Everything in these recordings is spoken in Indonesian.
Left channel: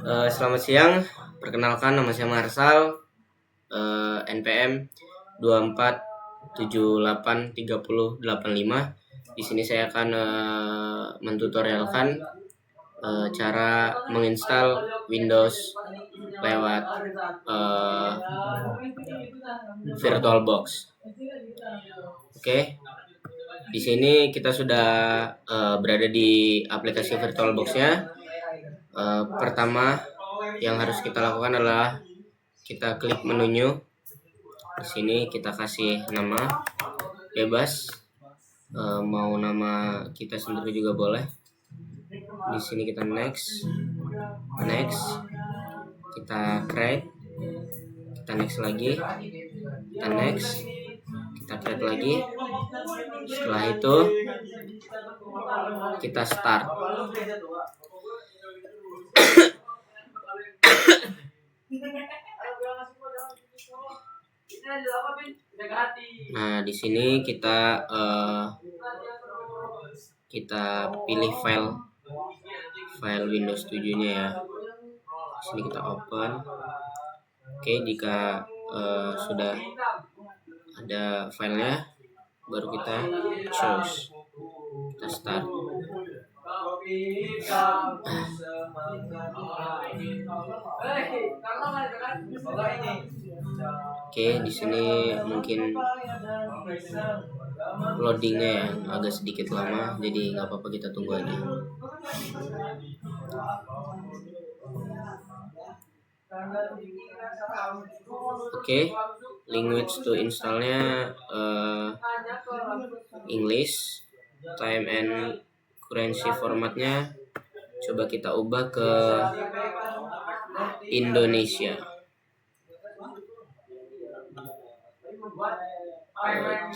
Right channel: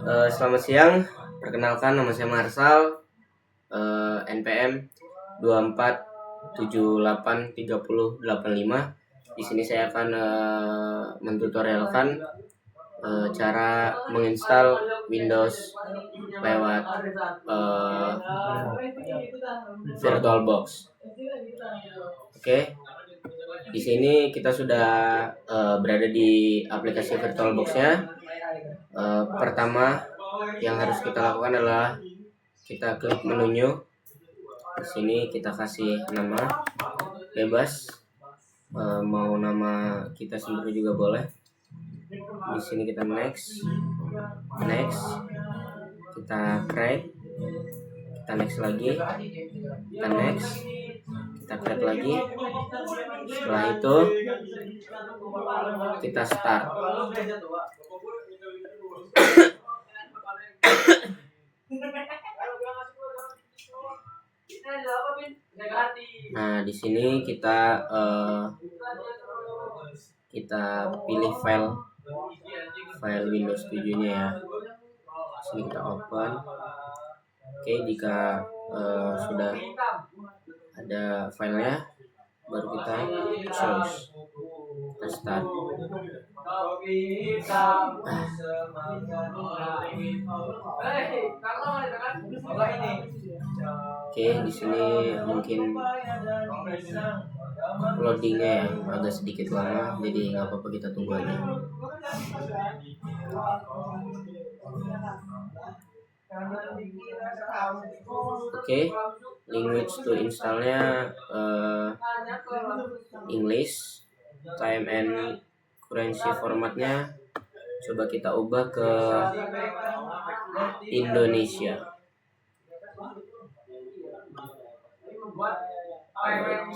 Selamat siang, perkenalkan nama saya Marsal, NPM 24783085. Di sini saya akan mentutorialkan cara menginstal Windows lewat VirtualBox. Oke, di sini kita sudah berada di aplikasi VirtualBox-nya. Pertama yang harus kita lakukan adalah kita klik menunya. Di sini kita kasih nama bebas, mau nama kita sendiri juga boleh. Di sini kita next, kita create, kita next lagi, kita next, kita create lagi. Setelah itu kita start. Nah, di sini kita pilih file Windows 7-nya ya. Di sini kita open. Oke, jika sudah ada filenya, baru kita choose. Kita start. Oke, di sini mungkin loadingnya ya agak sedikit lama, jadi nggak apa-apa, kita tunggu aja. Oke, language to installnya English, time and currency formatnya coba kita ubah ke Indonesia.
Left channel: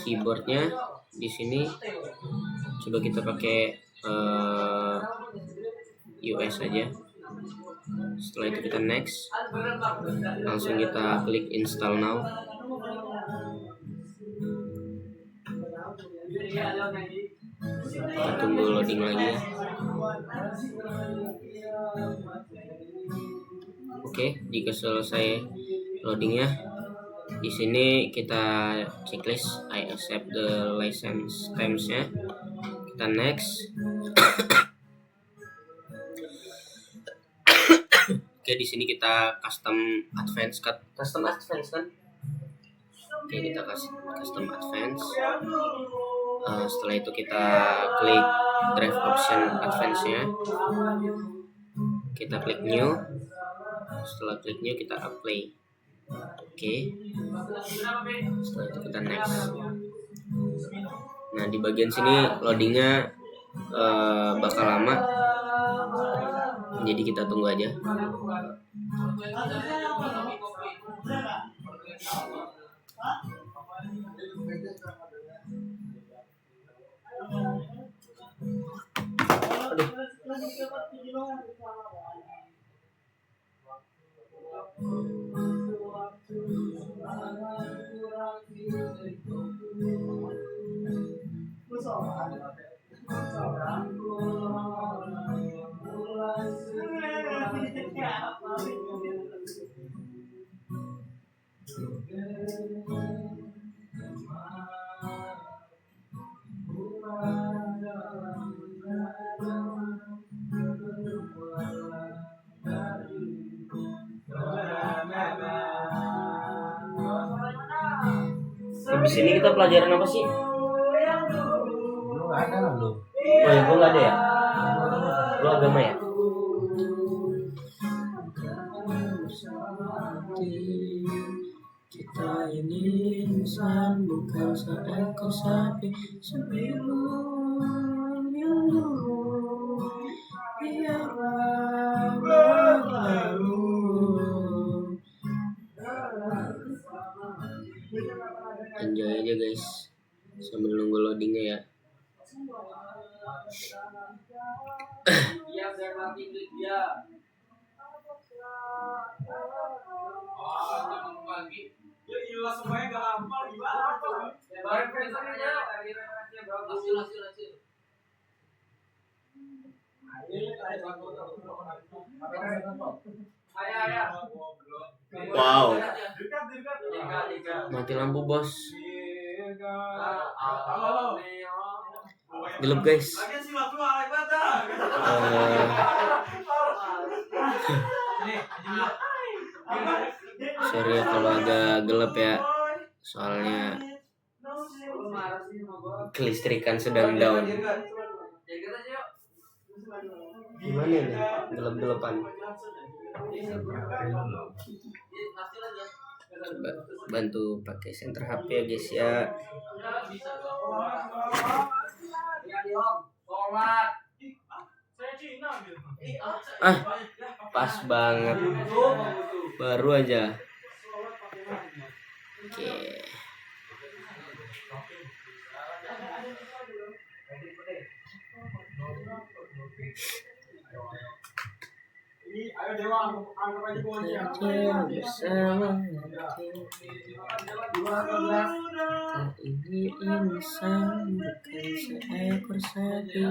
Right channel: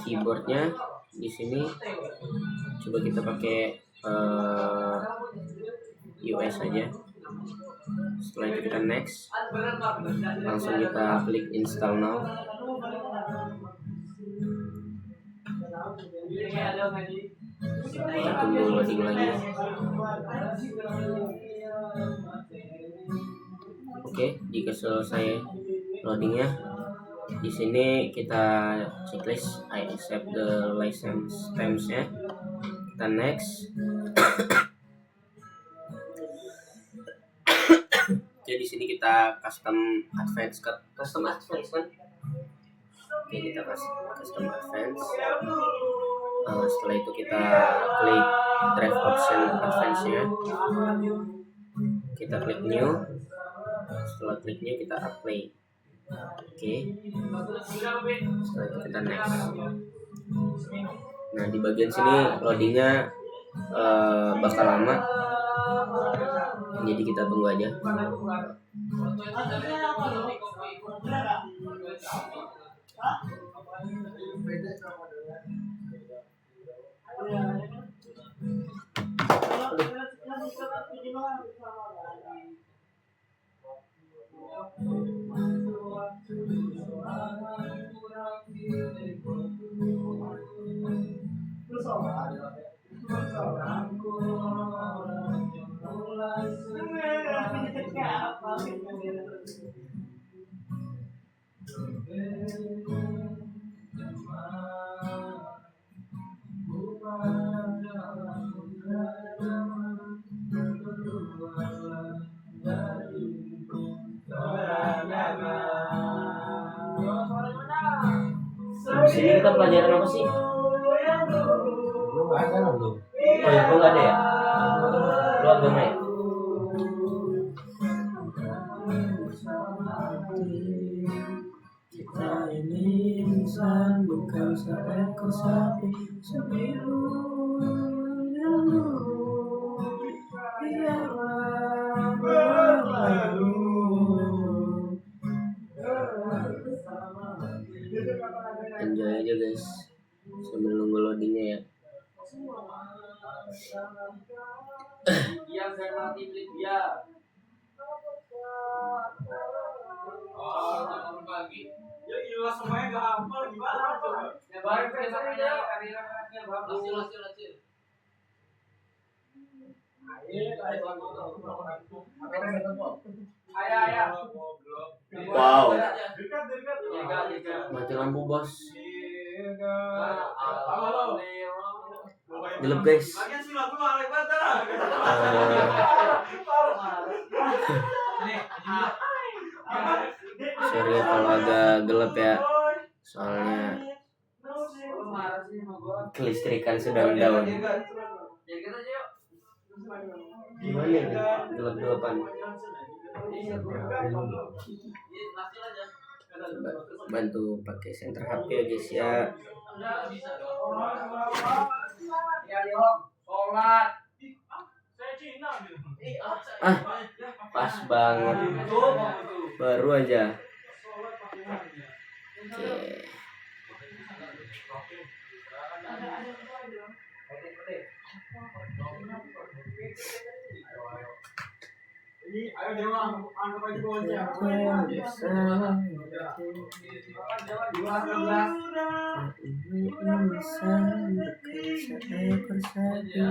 Keyboardnya di sini coba kita pakai US aja. Setelah itu kita next, langsung kita klik install now. Kita tunggu loading lagi. Oke, jika selesai loadingnya, di sini kita checklist I accept the license terms-nya. Kita next. Oke, di sini kita custom advance kan? Oke, kita custom advance. Setelah itu kita klik drive option advance-nya. Kita klik new. Setelah klik new kita apply. Oke. Setelah itu kita next. Nah, di bagian sini loadingnya bakal lama, jadi kita tunggu aja. Di sini kita pelajaran apa sih? Lu nggak ada lah lu. Oh ya, lu nggak ada ya? Lu agama ya? Kita ini insan, bukan seekor sapi. Sebelum yang dulu biarlah berlalu. Enjoy aja guys, sambil nunggu loadingnya ya. Semuanya gak hafal gimana coba? Ya baik aja. Hasil. Wow. Mati lampu bos. Gelap guys. Sorry ya kalau agak gelap ya. Soalnya kelistrikan sedang down. Gimana nih? Gelap-gelapan. Coba bantu pakai center HP ya guys ya. Pas banget. Baru aja. Oke. Ayo Dewa, anggap aja bawahnya. Bersama ini insan bukan seekor sapi.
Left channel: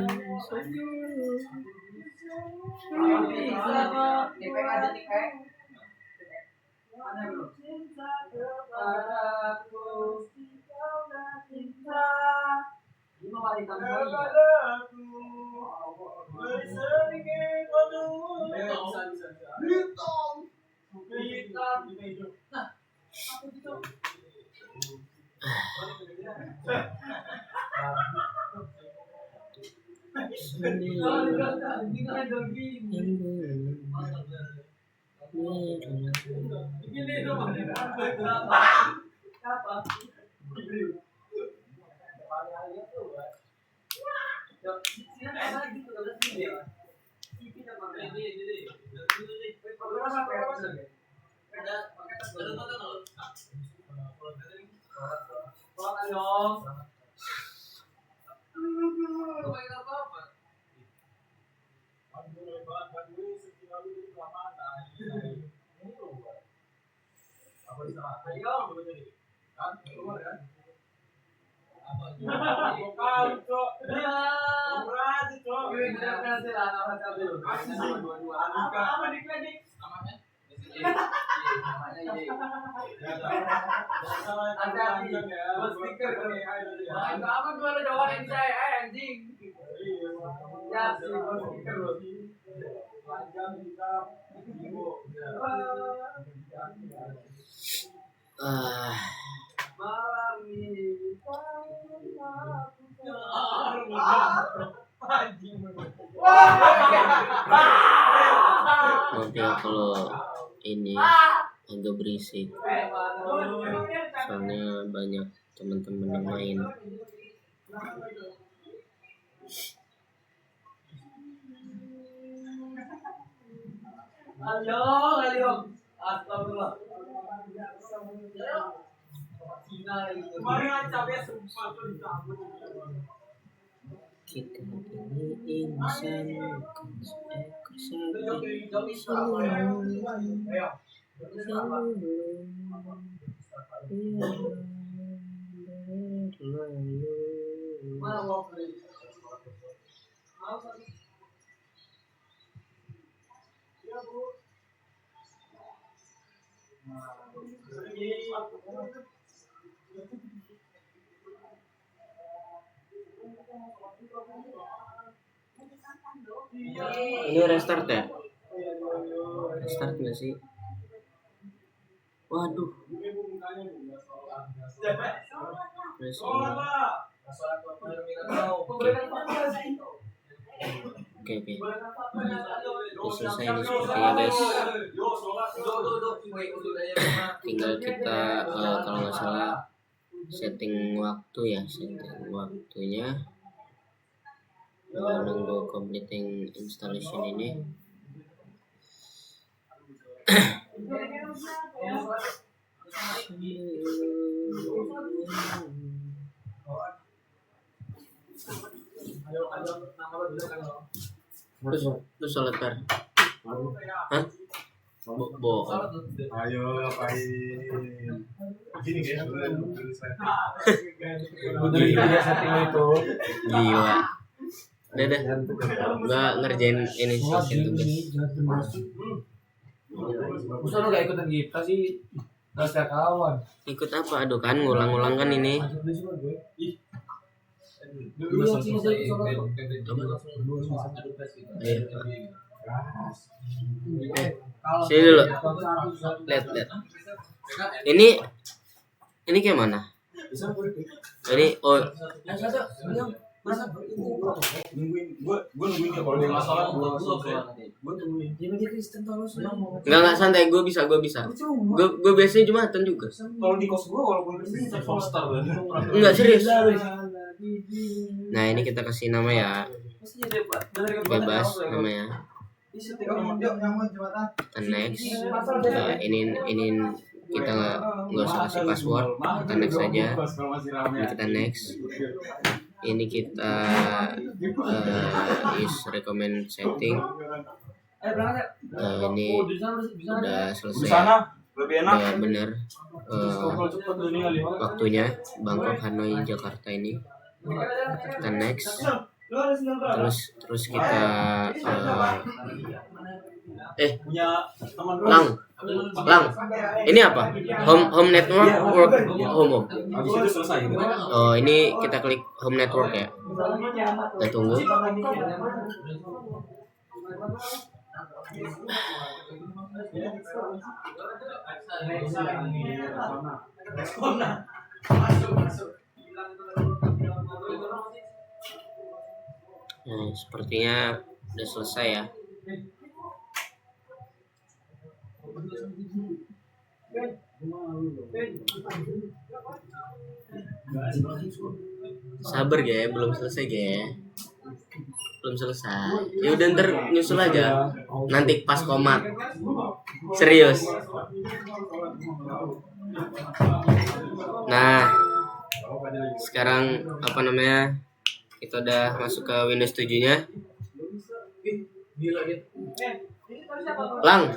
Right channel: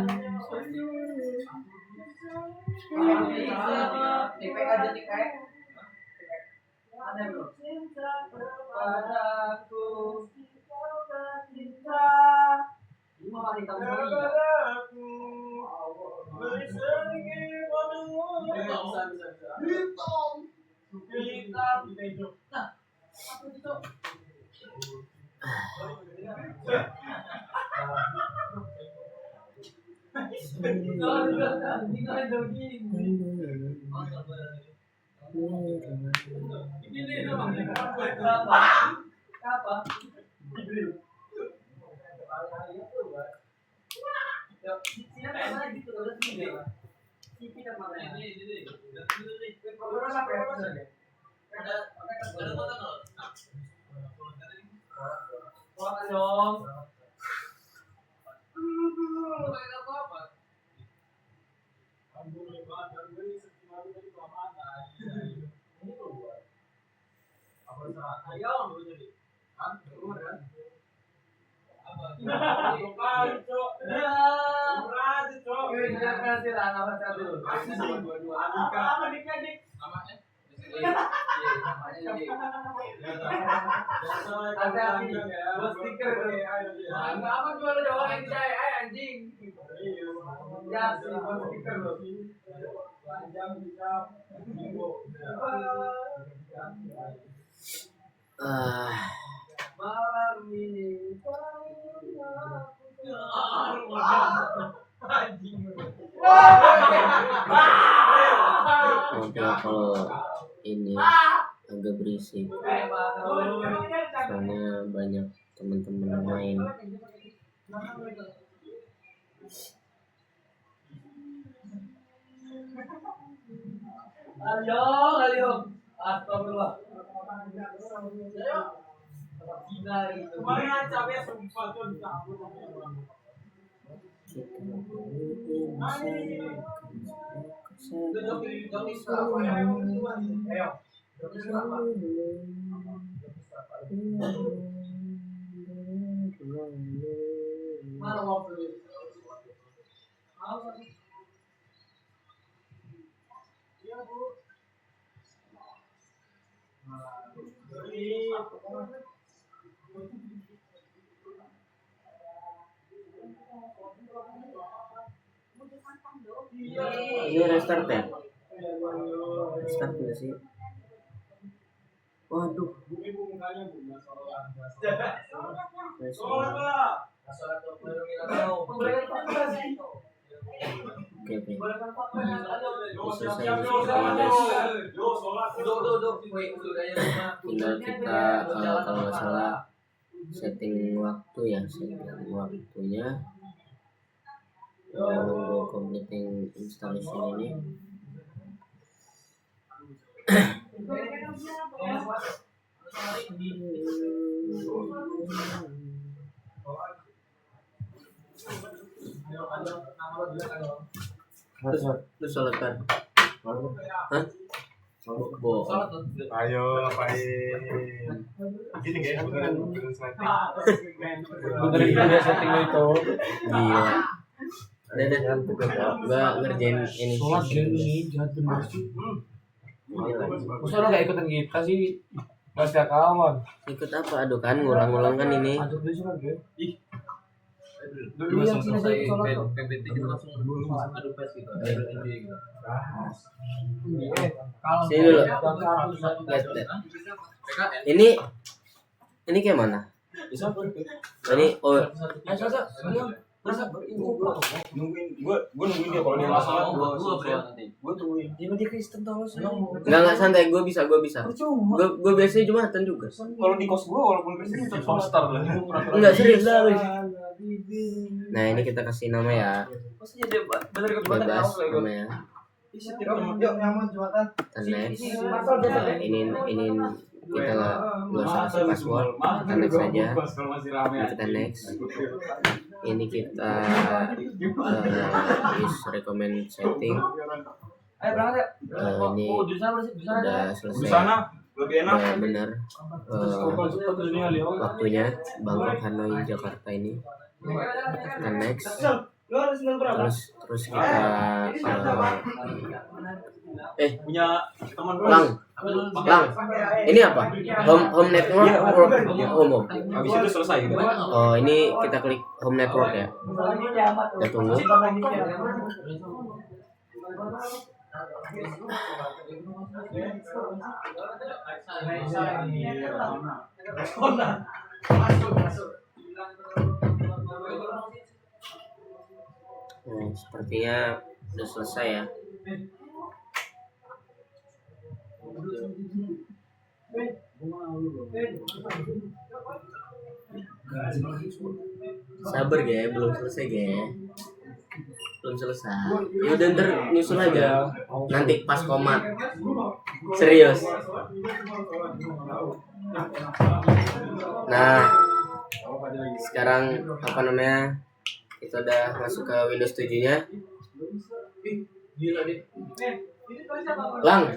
Maaf ya kalau ini agak berisik, soalnya banyak teman-teman yang main. Ayo, astagfirullah. Kita ini insan bukan seekor Ini restart ya? Restart nggak sih? Waduh. Oke. Udah selesai ini sepertinya guys. Tinggal kita kalau nggak salah setting waktunya. Nunggu completing installation ini. Terus sholat kar? Hah? Bohong. Ayo, apain? Gini guys, beneran setting itu. Gila. Udah. Gua ngerjain ini sih tugas. Masa lo gak ikutan kita sih? Gak setia kawan. Ikut apa? Aduh kan ngulang-ngulang kan ini. Anjir dulu sih kan gue. Dulu Iya, Cina saya sholat tuh. Ayo. Sini dulu. Lihat. Ini kayak mana? Ini oh Nungguin gue nungguin dia kalau dia nggak salah gue tungguin dia Kristen tau lo sih. enggak santai, gue bisa. Gue biasanya Jumatan juga. Kalau di kos gue walaupun Kristen itu star tuh. Enggak serius. Nah, ini kita kasih nama ya. Bebas namanya. Kita next. Ini kita nggak usah kasih password. Kita next aja. Ini kita next. Ini kita is recommend setting. Ini udah selesai. Udah benar waktunya Bangkok, Hanoi, Jakarta ini. Kita next. Terus kita Lang. Ini apa? Home network home. Habis itu selesai. Oh, ini kita klik home network ya. Kita tunggu. Nah, sepertinya udah selesai ya. Sabar ya, belum selesai ya. Belum selesai. Ya udah ntar nyusul aja. Nanti pas komat. Serius. Nah, sekarang apa namanya? Kita udah masuk ke Windows 7-nya. Gilang.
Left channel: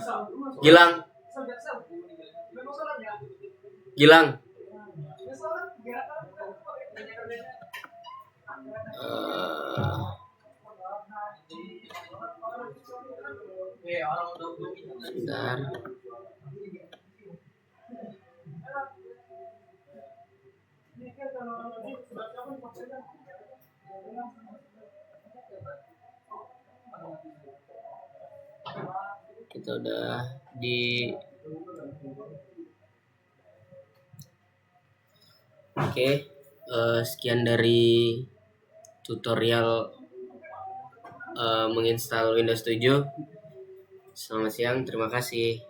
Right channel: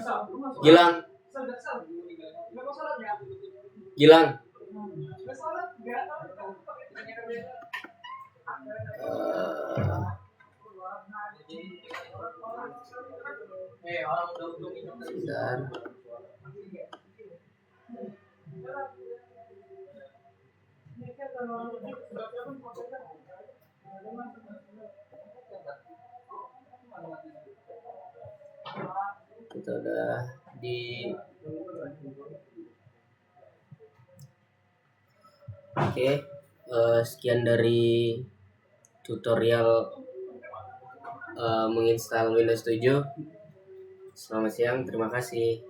Sebentar. Kita udah di Oke, sekian dari tutorial menginstal Windows 7. Selamat siang, terima kasih.